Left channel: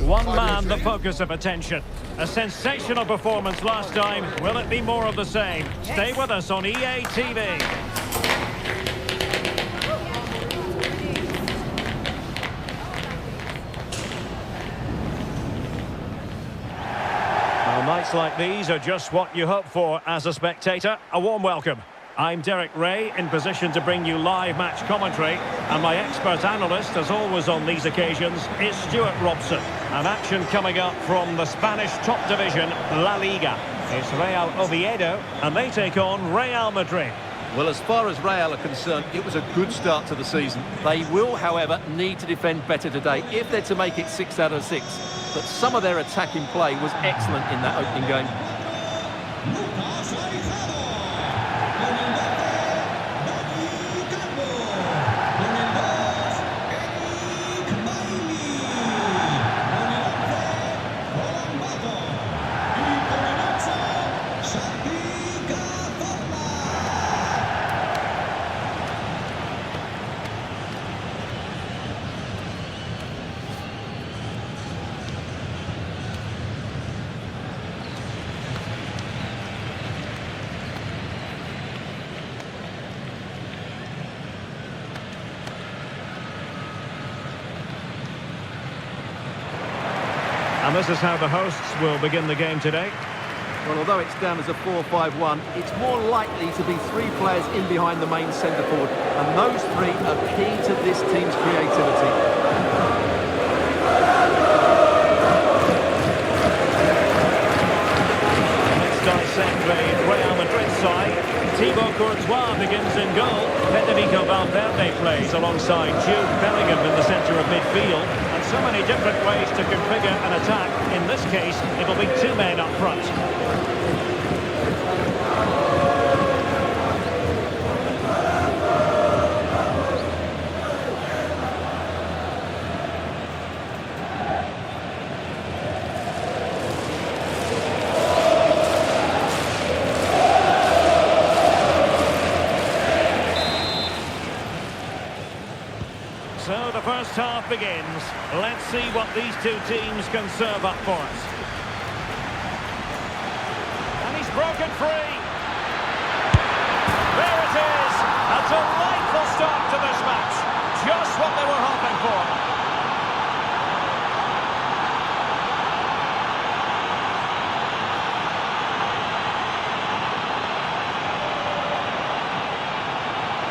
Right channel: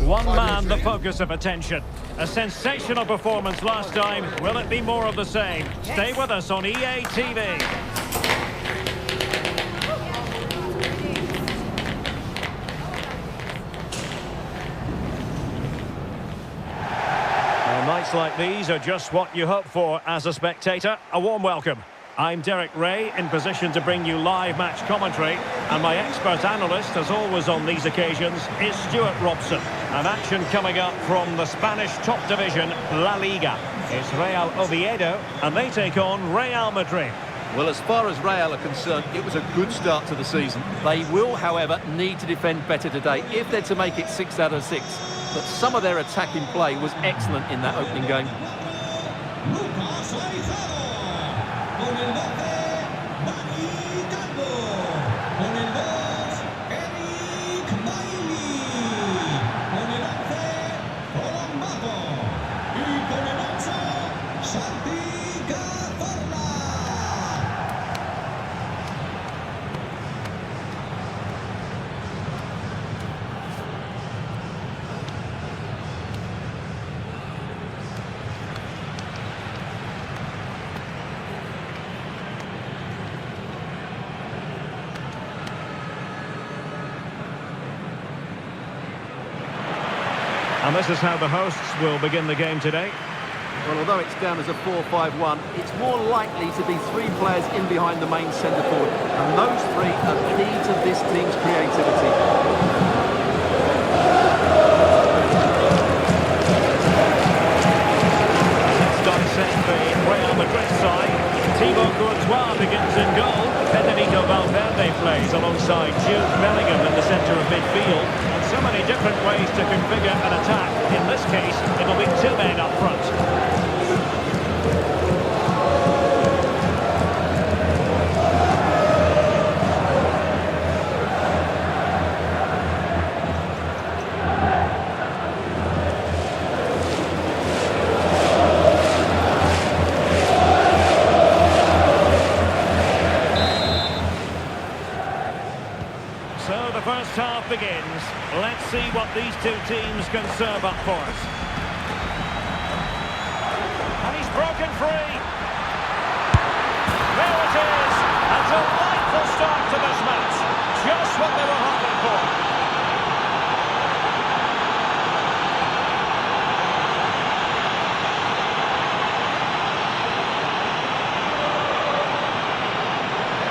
One man the focus of attention. A sensational performance last time. Will it be more of the same? Stay with us on EA TV. Well, nights like these are just what you hope for as a spectator. A warm welcome. I'm Derek Ray, in position to bring you live match commentary, and my expert analyst, as always on these occasions, is Stuart Robson. And action coming up from the Spanish top division, La Liga. It's Real Oviedo, and they take on Real Madrid. Well, as far as Real are concerned, it was a good start to the season. They will, however, need to defend better today if they're to make it 6 out of 6. But some of their attacking play was excellent in that opening game. And this is how the hosts will begin the game today. Well, although it's down as a 4-5-1, it's more likely to be 3 players in behind the main centre forward. And those 3 are key to this team's creativity. Let's dissect the Real Madrid side. Thibaut Courtois begins in goal. Federico Valverde plays alongside Jude Bellingham in the centre of midfield. And so many different ways to configure an attack. In this case, it'll be 2 men up front. So the first half begins. Let's see what these 2 teams can serve up for us. And he's broken free. There it is. A delightful start to this match. Just what they were hoping for.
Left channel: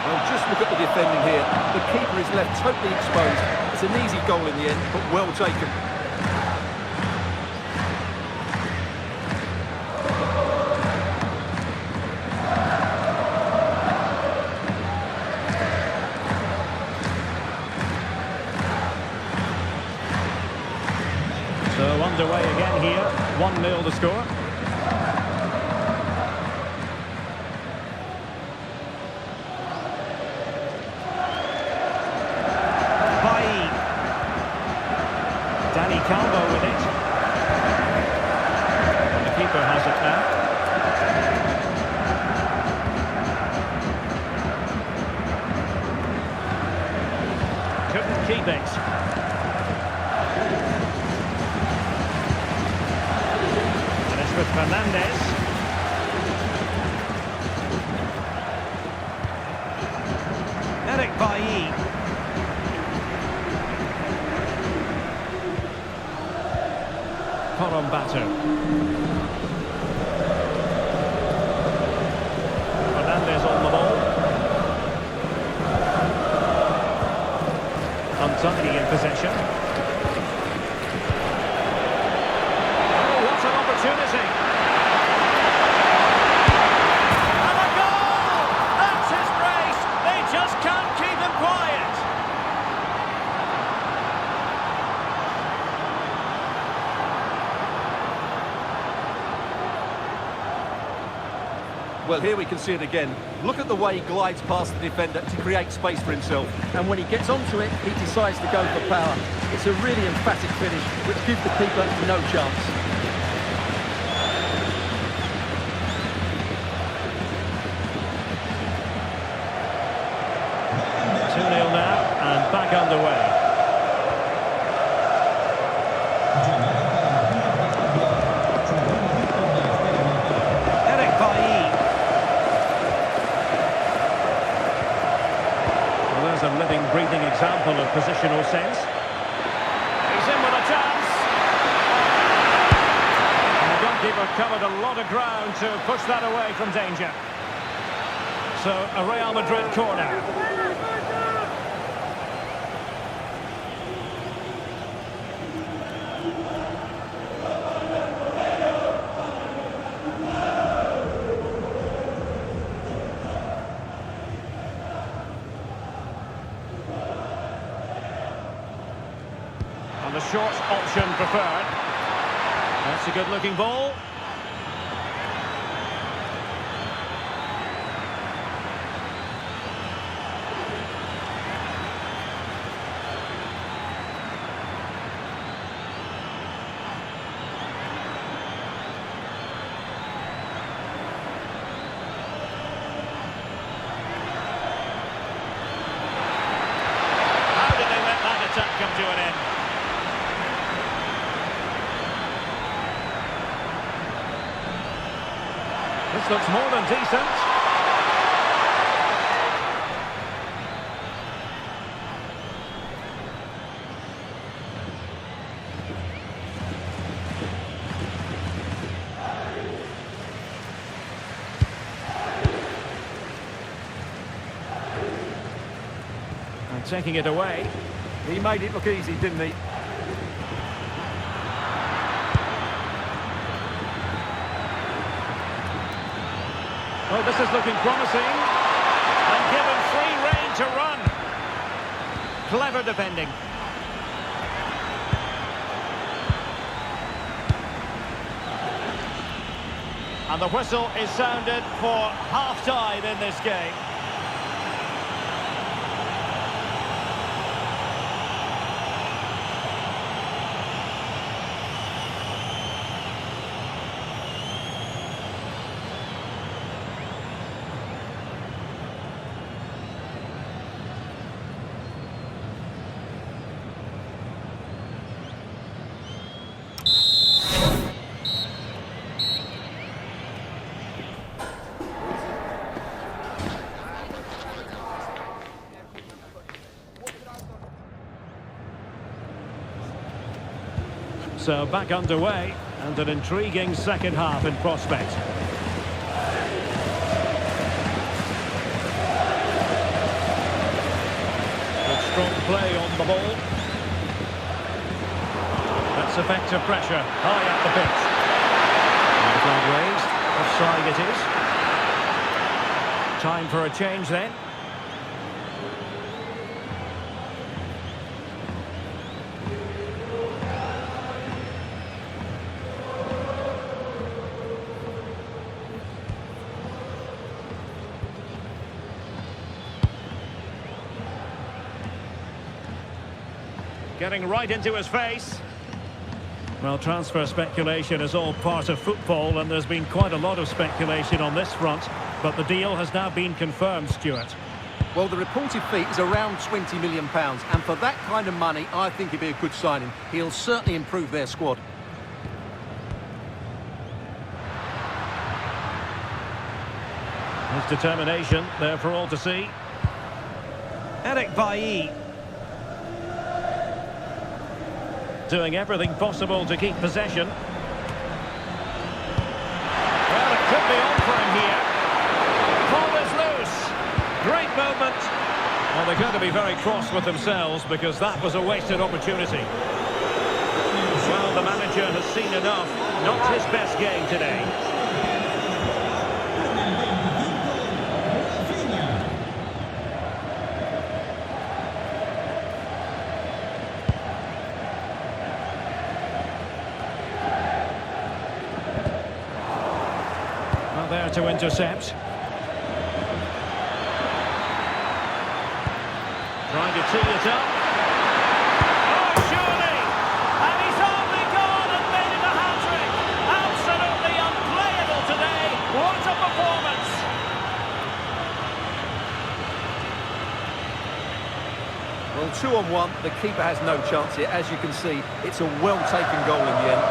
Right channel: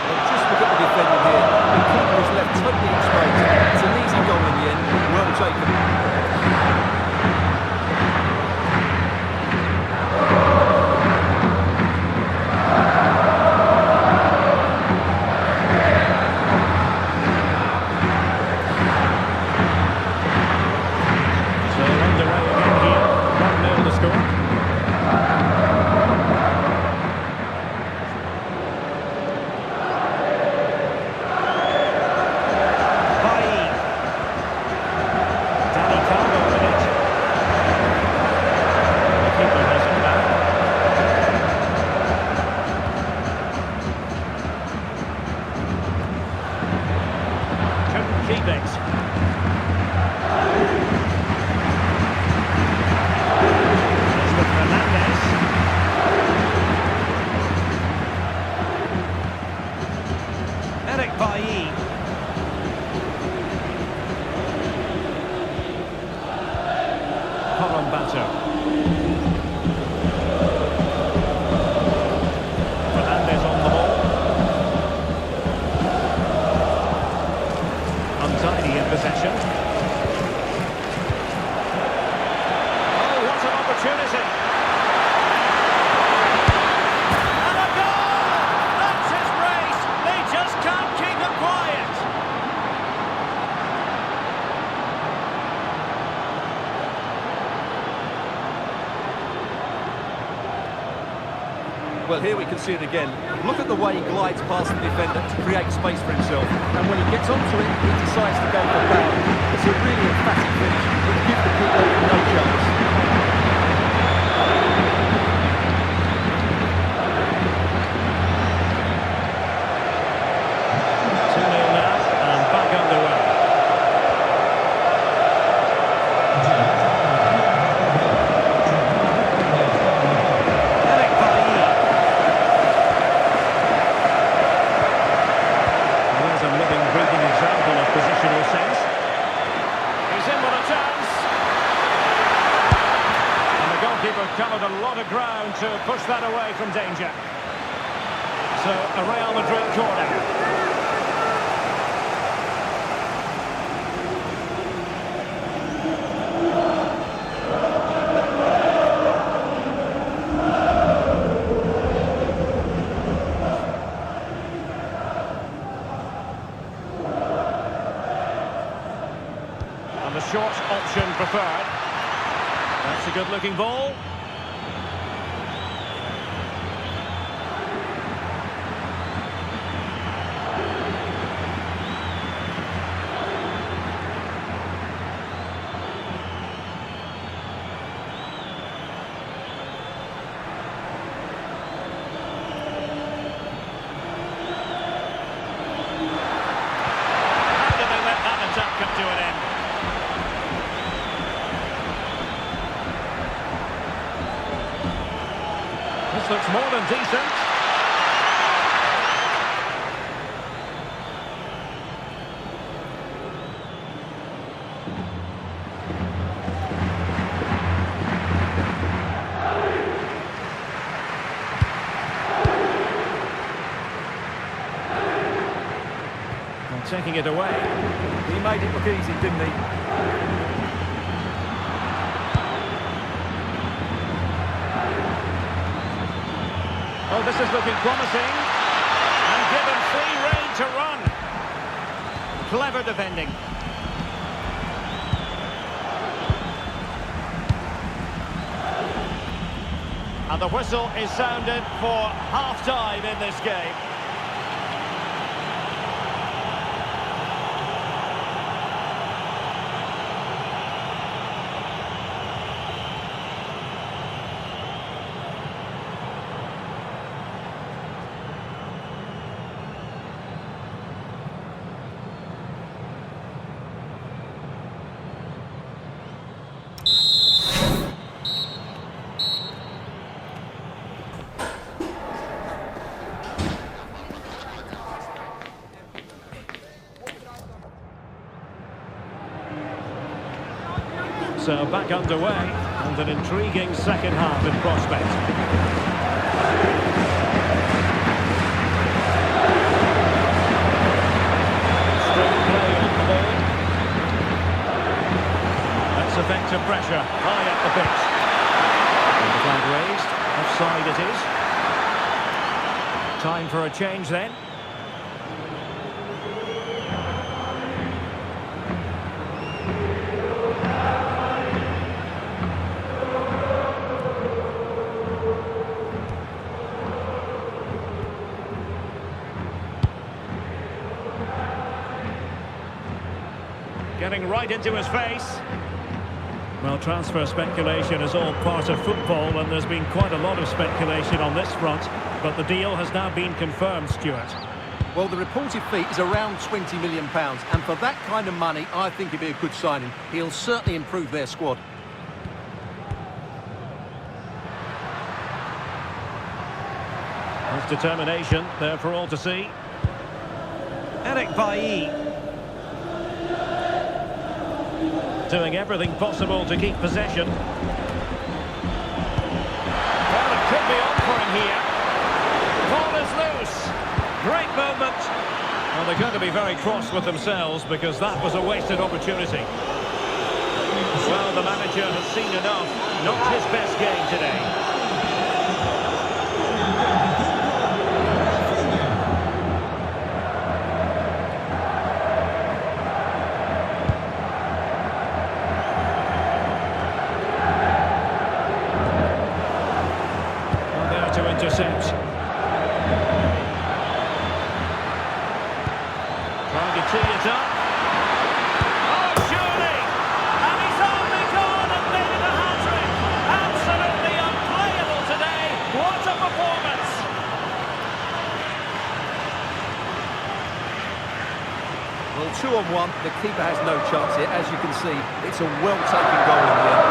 Well, just look at the defending here. The keeper is left totally exposed. It's an easy goal in the end, but well taken. So underway again here. 1-0 to score. Calvo with it. The keeper has it now. Couldn't keep it. And it's with Fernandez. Eric Bailly. Batter. Fernandez on the ball. Untidy in possession. Oh, what an opportunity! And a goal! That's his brace! They just can't keep him quiet! Well, here we can see it again. Look at the way he glides past the defender to create space for himself. And when he gets onto it, he decides to go for power. It's a really emphatic finish, which gives the keeper no chance. 2-0 now, and back underway. in with a chance. And the goalkeeper covered a lot of ground to push that away from danger. So, a Real Madrid corner. And the short option preferred. That's a good-looking ball. How did they let that attack come to an end? This looks more than decent. And taking it away. He made it look easy, didn't he? Oh, this is looking promising. And given free rein to run. Clever defending. And the whistle is sounded for half-time in this game. So back underway, and an intriguing second half in prospect. Good strong play on the ball. That's effective pressure, high up the pitch. And the flag raised, offside it is. Time for a change then. Getting right into his face. Well, transfer speculation is all part of football, and there's been quite a lot of speculation on this front, but the deal has now been confirmed, Stuart. Well, the reported fee is around £20 million, and for that kind of money, I think it'd be a good signing. He'll certainly improve their squad. His determination there for all to see. Eric Bailly. Doing everything possible to keep possession. Well, it could be on for him here. Ball is loose. Great movement. Well, they're going to be very cross with themselves because that was a wasted opportunity. Well, the manager has seen enough. Not his best game today. There to intercept. Trying to tee it up. Oh, surely! And he's only gone and made it a hat-trick. Absolutely unplayable today. What a performance! Well, 2-on-1, the keeper has no chance here. As you can see, it's a well-taken goal in the end.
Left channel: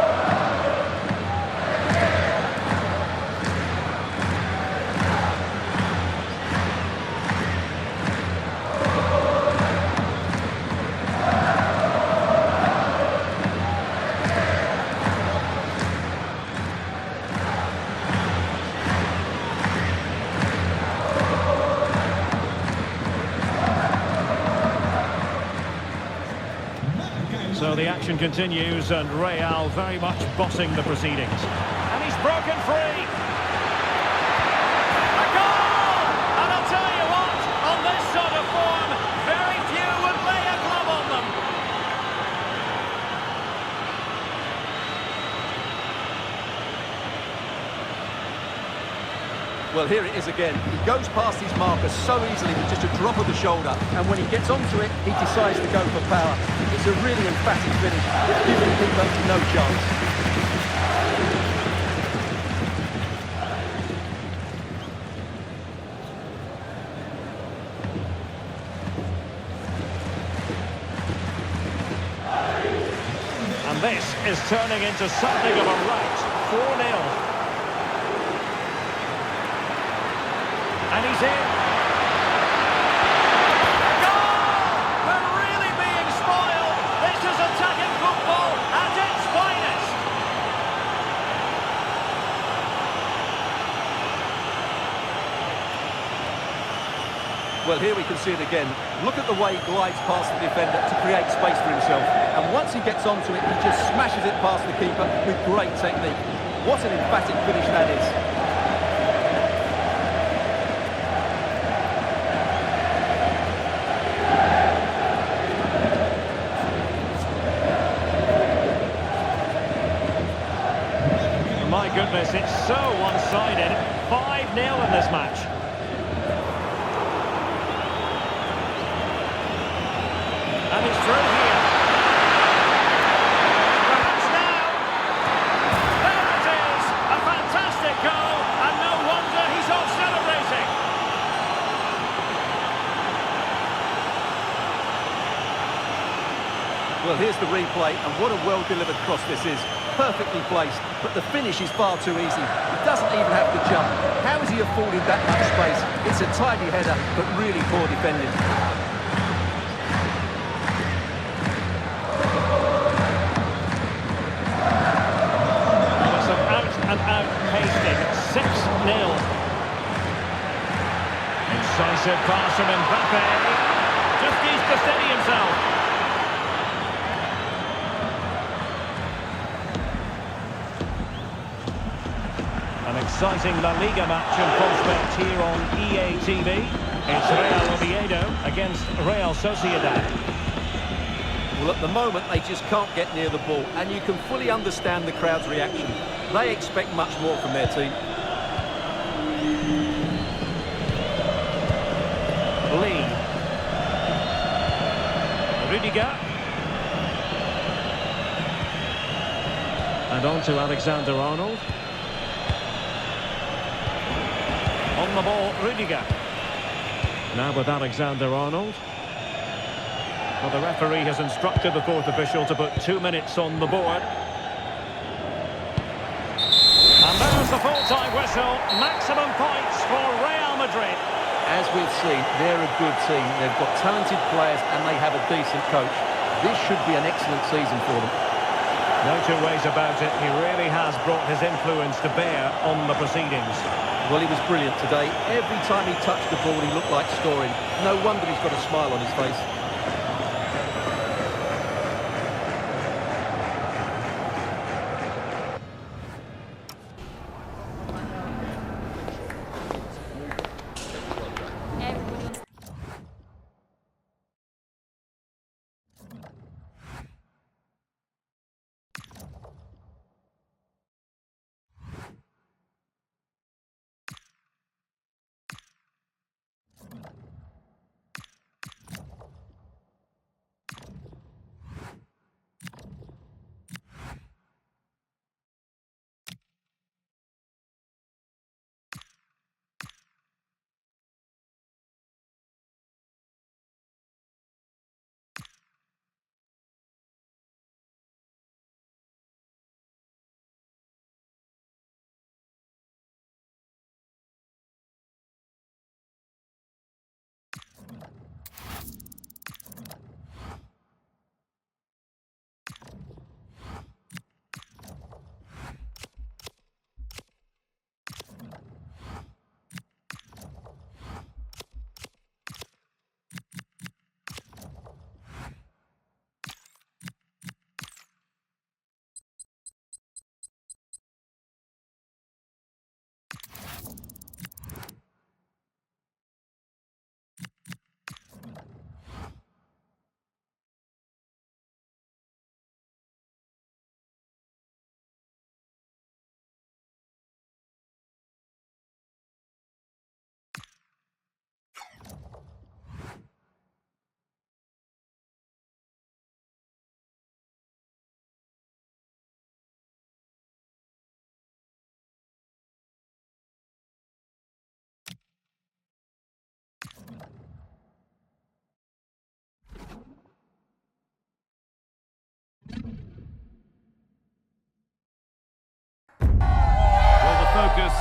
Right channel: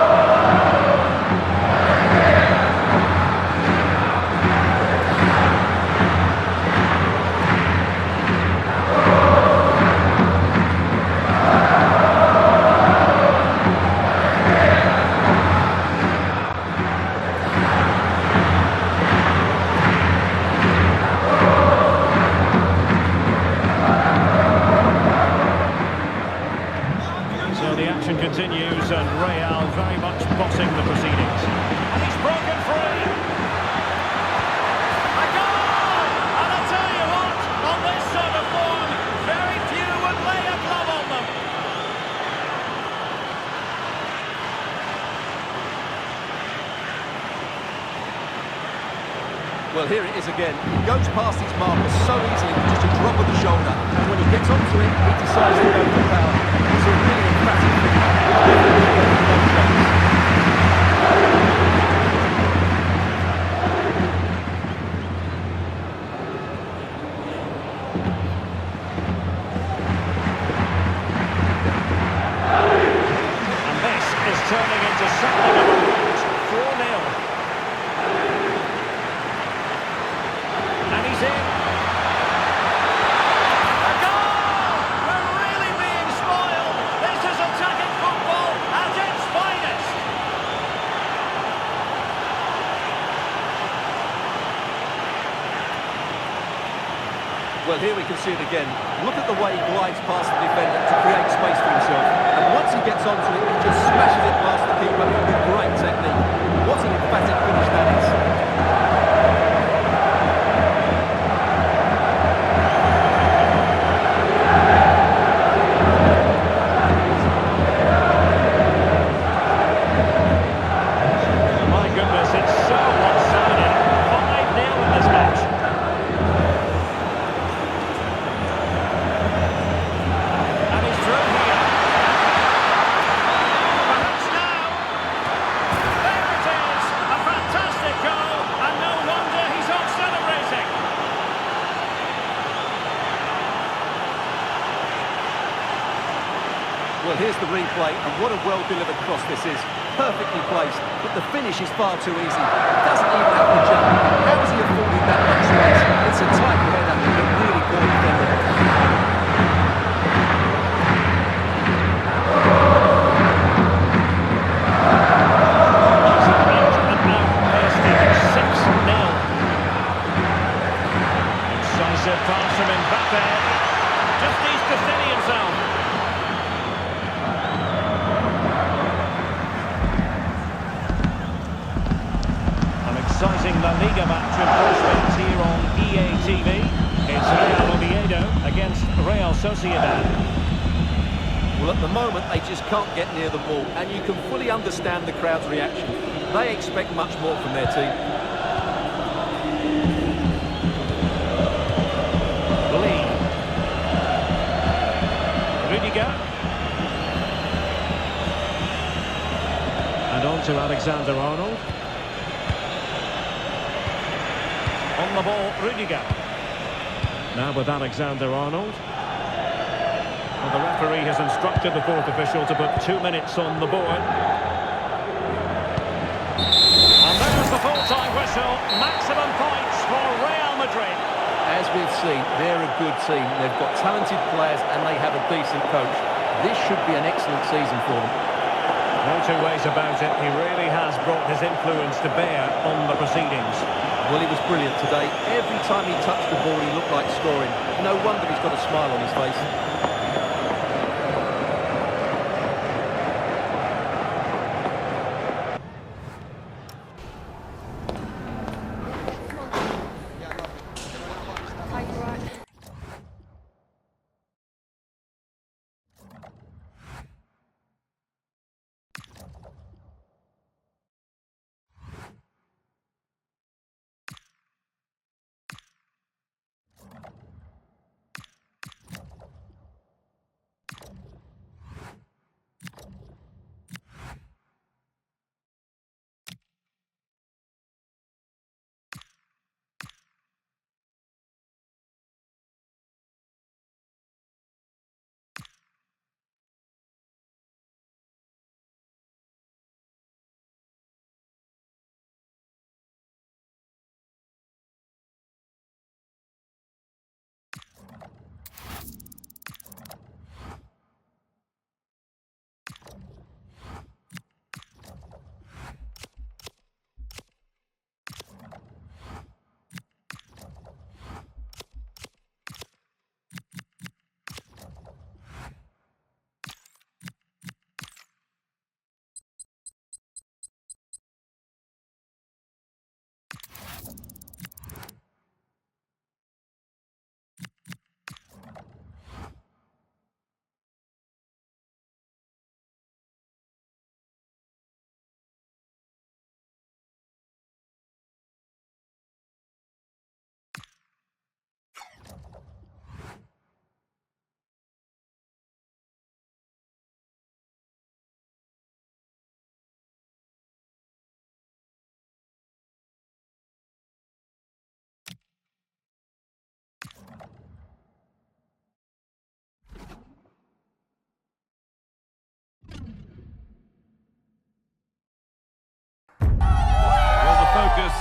action continues and Real very much bossing the proceedings. And he's broken free. A goal! And I'll tell you what, on this sort of form, very few would lay a glove on them. Well, here it is again. He goes past his marker so easily with just a drop of the shoulder, and when he gets onto it, he decides to go for power. It's a really emphatic finish, which gives the keeper no chance. And this is turning into something of a rout. 4-0. And he's in. A goal! We're really being spoiled. This is attacking football at its finest. Well, here we can see it again. Look at the way he glides past the defender to create space for himself. And once he gets onto it, he just smashes it past the keeper with great technique. What an emphatic finish that is. My goodness, it's so one-sided. 5-0 in this match. And he's through here. Perhaps now. There it is. A fantastic goal. And no wonder he's off celebrating. Well, here's the replay, and what a well-delivered cross this is. Perfectly placed, but the finish is far too easy. He doesn't even have to jump. How has he afforded that much space? It's a tidy header, but really poor defending. It's an out-and-out pasting. 6-0. Incisive pass from Mbappe. Just needs to steady himself. An exciting La Liga match in prospect here on EA TV. It's Real Oviedo against Real Sociedad. Well, at the moment, they just can't get near the ball, and you can fully understand the crowd's reaction. They expect much more from their team. Lee. Rudiger. And on to Alexander-Arnold. On the ball, Rudiger. Now with Alexander-Arnold. Well, the referee has instructed the fourth official to put 2 minutes on the board. And there's the full-time whistle. Maximum points for Real Madrid. As we've seen, they're a good team. They've got talented players and they have a decent coach. This should be an excellent season for them. No two ways about it. He really has brought his influence to bear on the proceedings. Well, he was brilliant today. Every time he touched the ball, he looked like scoring. No wonder he's got a smile on his face.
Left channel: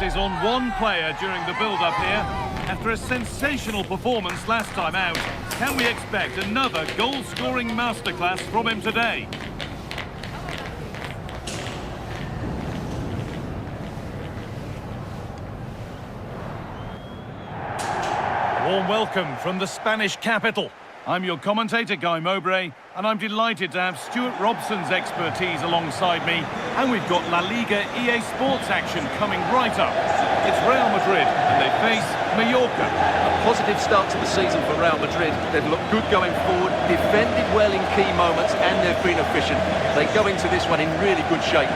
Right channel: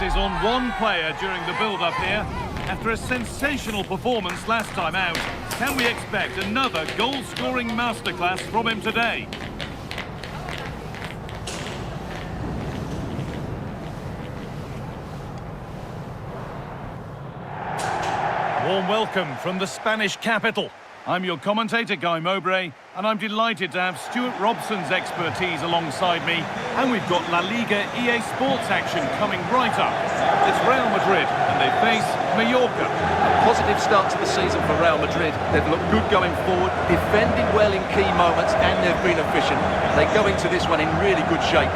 is on one player during the build-up here. After a sensational performance last time out, can we expect another goal-scoring masterclass from him today? Warm welcome from the Spanish capital. I'm your commentator, Guy Mowbray, and I'm delighted to have Stuart Robson's expertise alongside me, and we've got La Liga EASports action coming right up. It's Real Madrid, and they face Mallorca. A positive start to the season for Real Madrid. They've looked good going forward, defended well in key moments, and they've been efficient. They go into this one in really good shape.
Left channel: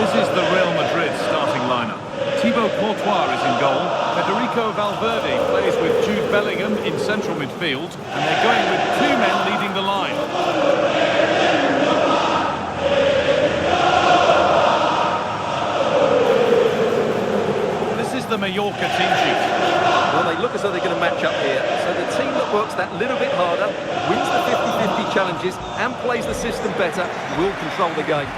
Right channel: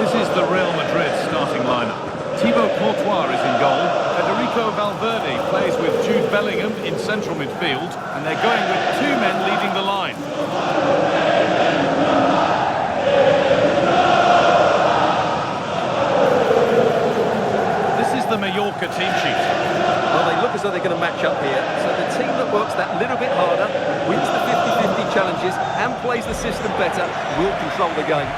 This is the Real Madrid starting lineup. Thibaut Courtois is in goal. Federico Valverde plays with Jude Bellingham in central midfield, and they're going with two men leading the line. This is the Mallorca team sheet. Well, they look as though they're going to match up here. So the team that works that little bit harder, wins the 50-50 challenges, and plays the system better, will control the game.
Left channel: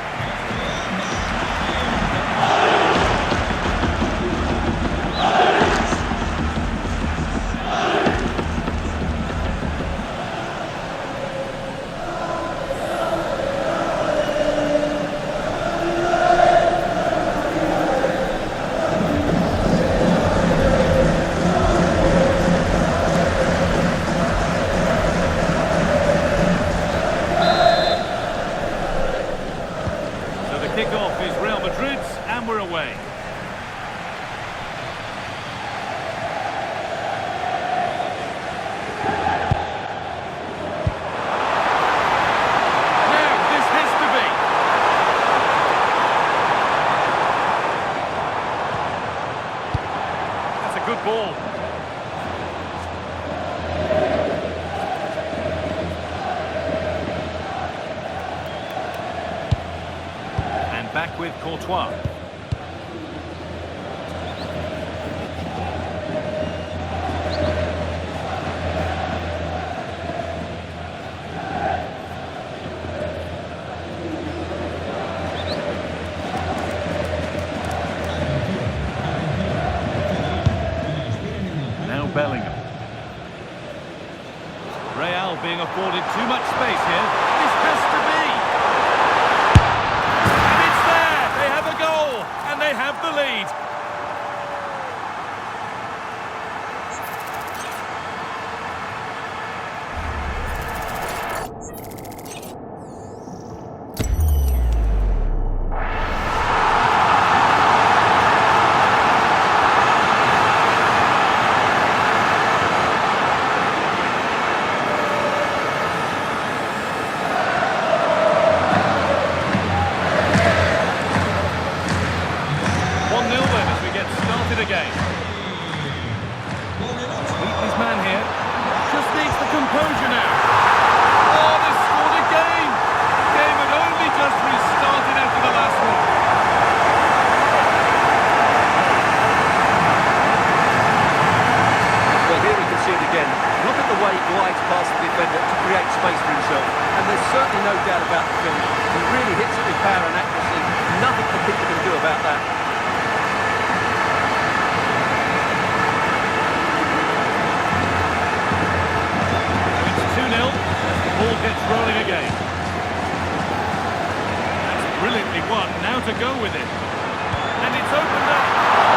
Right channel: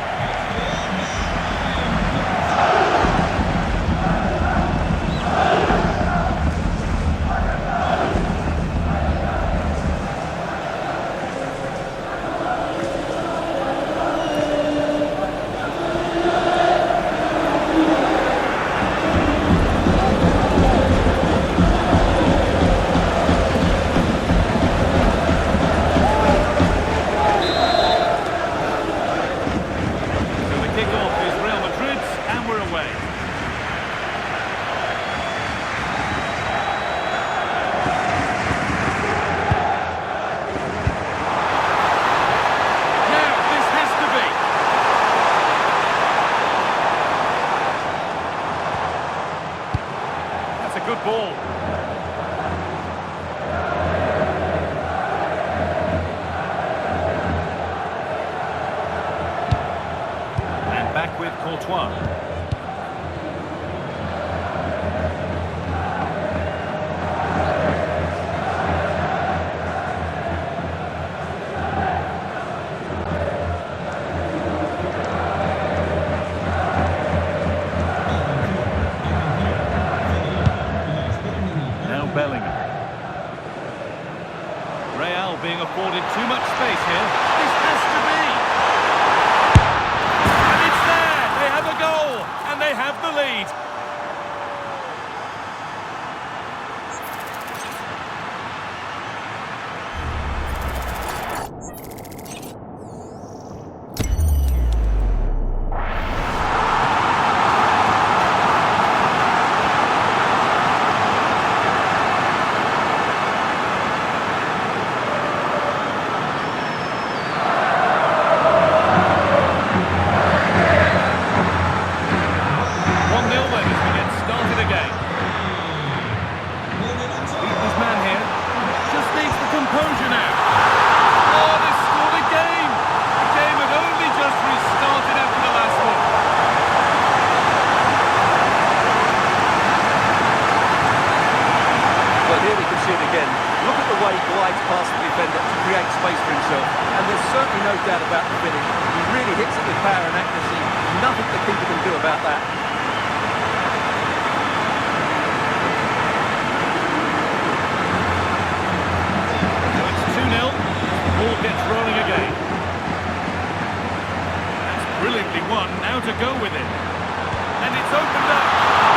Kick-off is Real Madrid's, and we're away. Now, this has to be. That's a good ball. Back with Courtois. Now Bellingham. Real being afforded too much space here. This has to be. Goal, and they have the lead. Again. Beat his man here. Just needs the composure now. Oh, they scored again. The game had only just restarted after the last one. Well, here we can see it again. Look at the way he glides past the defender to create space for himself. And there's certainly no doubt about the finish. He really hits it with power and accuracy. Nothing the keeper can do about that. As the ball gets rolling again. That's brilliantly won. Now to go with it. And it's opened up.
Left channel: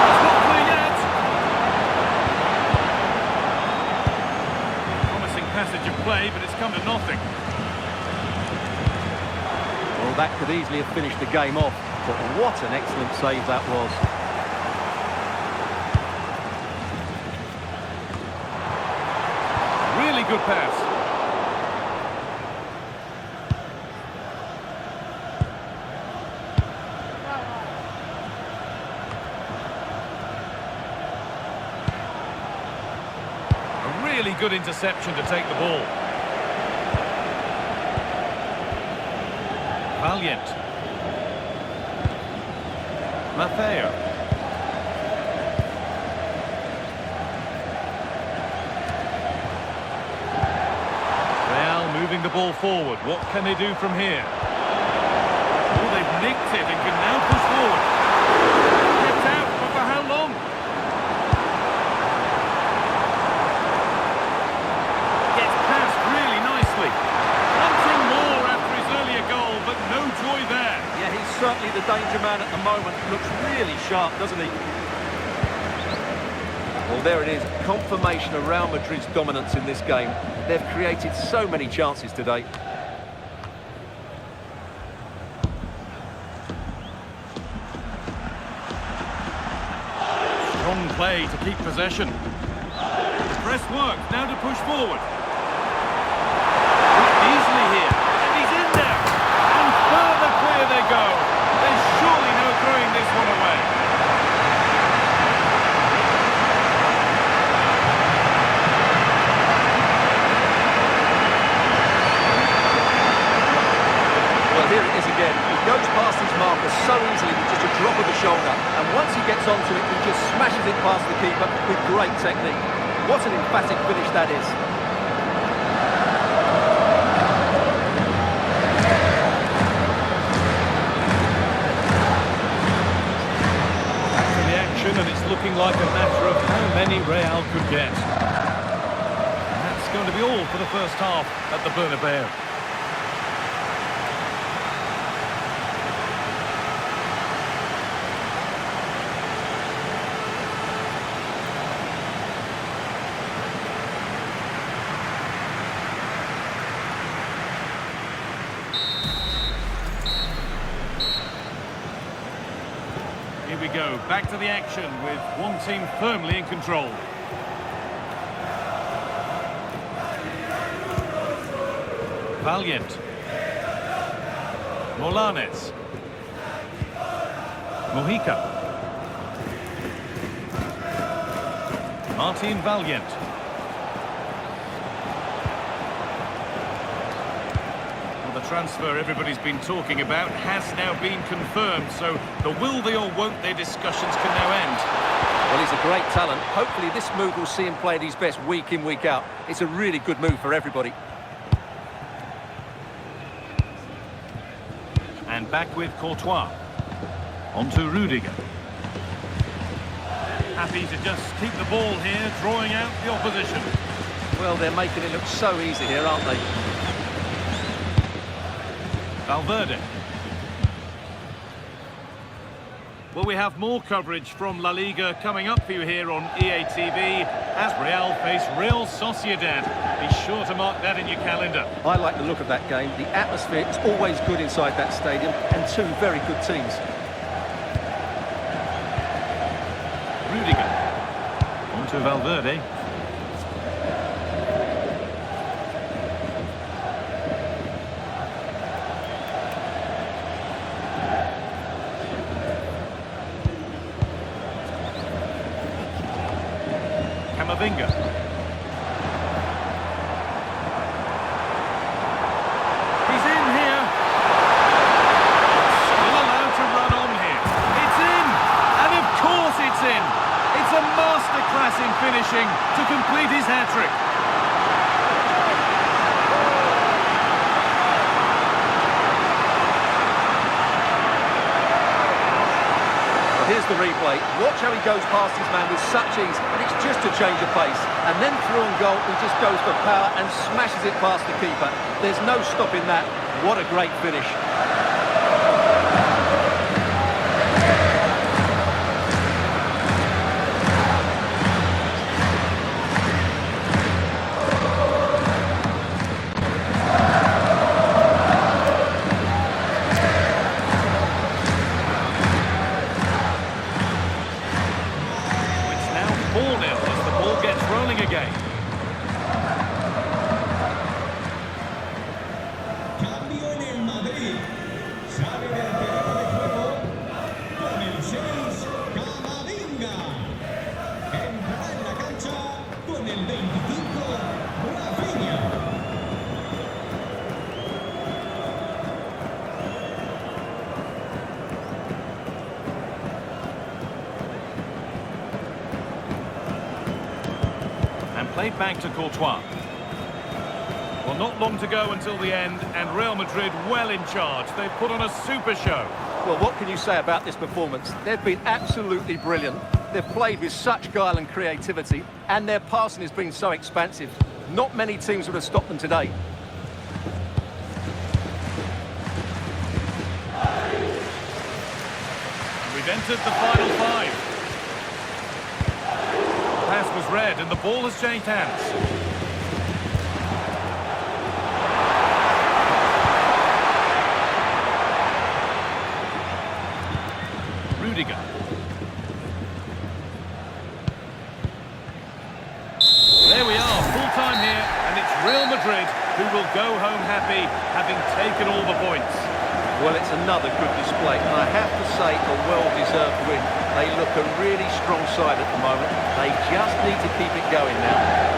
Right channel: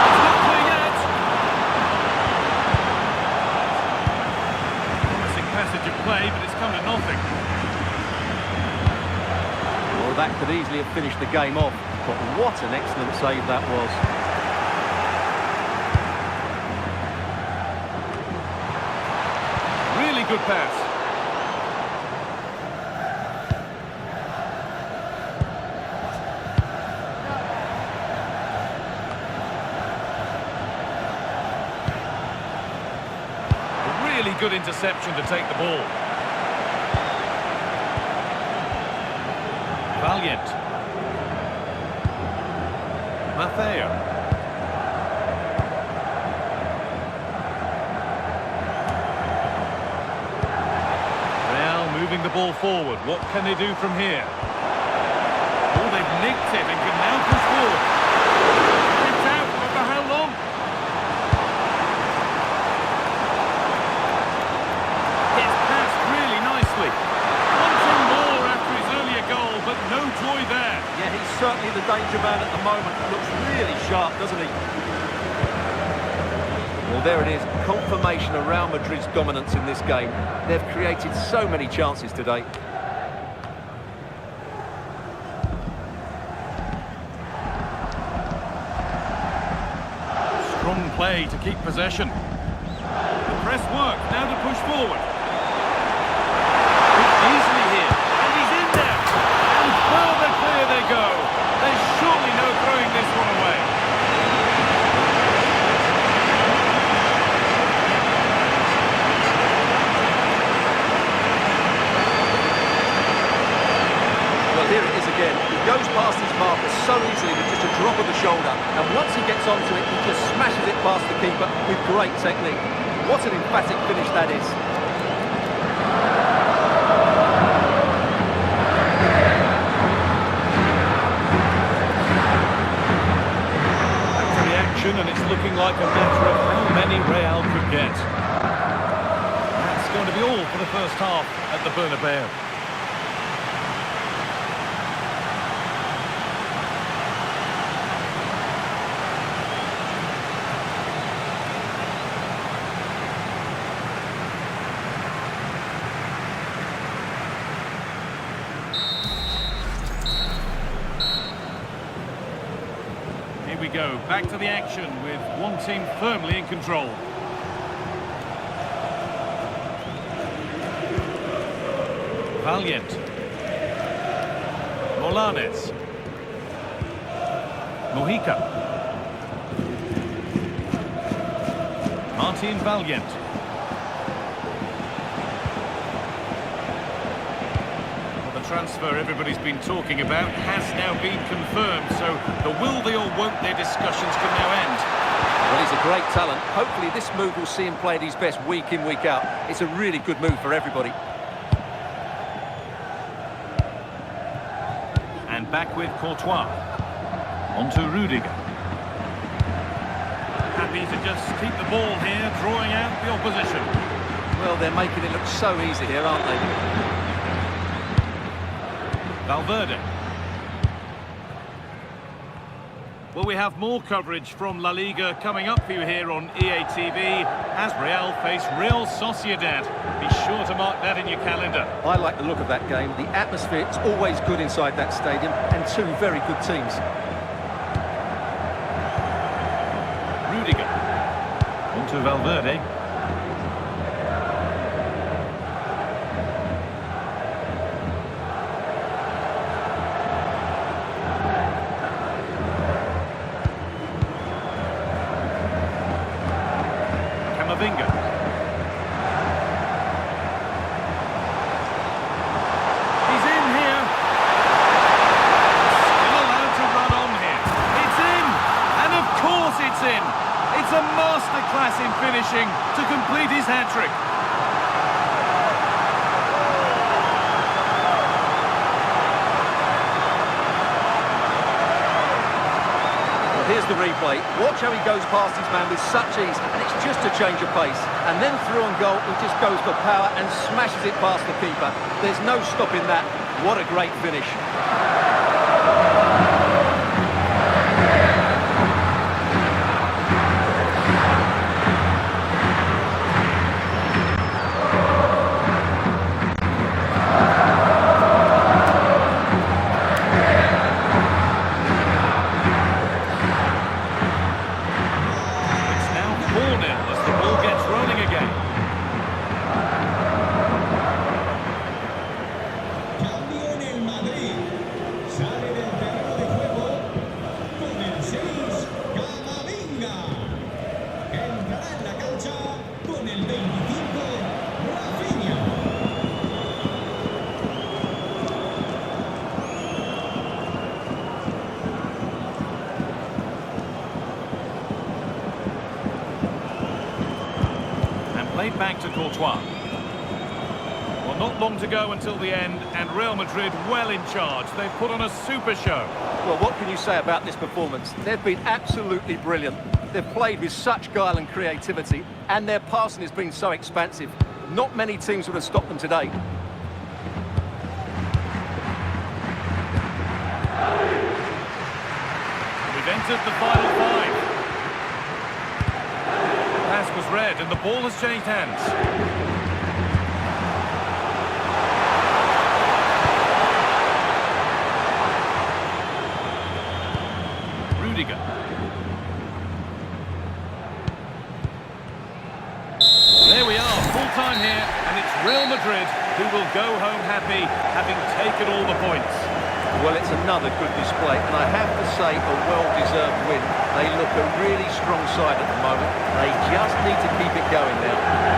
It's not clear yet. Promising passage of play, but it's come to nothing. Oh, that could easily have finished the game off, but what an excellent save that was. Really good pass. A really good interception to take the ball. Valiant. Myplayer. Real moving the ball forward. What can they do from here? Oh, they've nicked it and can now push forward. Kept out, but for how long? Gets past really nicely. Wanting more after his earlier goal, but no joy there. Yeah, he's certainly the danger man at the moment. Looks really sharp, doesn't he? Well, there it is. Confirmation of Real Madrid's dominance in this game. They've created so many chances today. Strong play to keep possession. The press work, now to push forward. Easily here, and he's in there. And further clear they go. There's surely no throwing this one away. Well, here it is again. He goes past his marker so easily with just a drop of the shoulder. And once he gets onto it, he just smashes it past the keeper with great technique. What an emphatic finish that is. Back to the action, and it's looking like a matter of how many Real could get. That's going to be all for the first half at the Bernabeu. Here we go, back to the action with one team firmly in control. Valiant. Molanes. Mojica. Martin Valiant. The transfer everybody's been talking about has now been confirmed, so the will they or won't they discussions can now end. Well, he's a great talent. Hopefully this move will see him play at his best week in, week out. It's a really good move for everybody. And back with Courtois. On to Rudiger. Happy to just keep the ball here, drawing out the opposition. Well, they're making it look so easy here, aren't they? Valverde. Well, we have more coverage from La Liga coming up for you here on EA TV as Real face Real Sociedad. Be sure to mark that in your calendar. I like the look of that game. The atmosphere is always good inside that stadium, and two very good teams. Rudiger. On to Valverde. Camavinga. He's in here. Still allowed to run on here. It's in! And of course it's in! It's a masterclass in finishing to complete his hat-trick. Here's the replay. Watch how he goes past his man with such ease, and it's just a change of pace. And then through on goal, he just goes for power and smashes it past the keeper. There's no stopping that. What a great finish. 16, Camavinga. Que entrará en la cancha con el 25, Rafinha. And played back to Courtois. Well, not long to go until the end, and Real Madrid well in charge. They've put on a super show. Well, what can you say about this performance? They've been absolutely brilliant. They've played with such guile and creativity, and their passing has been so expansive. Not many teams would have stopped them today. And we've entered the final 5. The pass was read, and the ball has changed hands. Rudiger. There we are, full time here, and it's Real Madrid who will go home happy, having taken all the points. Well, it's another good display, and I have to say a well-deserved win. They look a really strong side at the moment. They just need to keep it going now.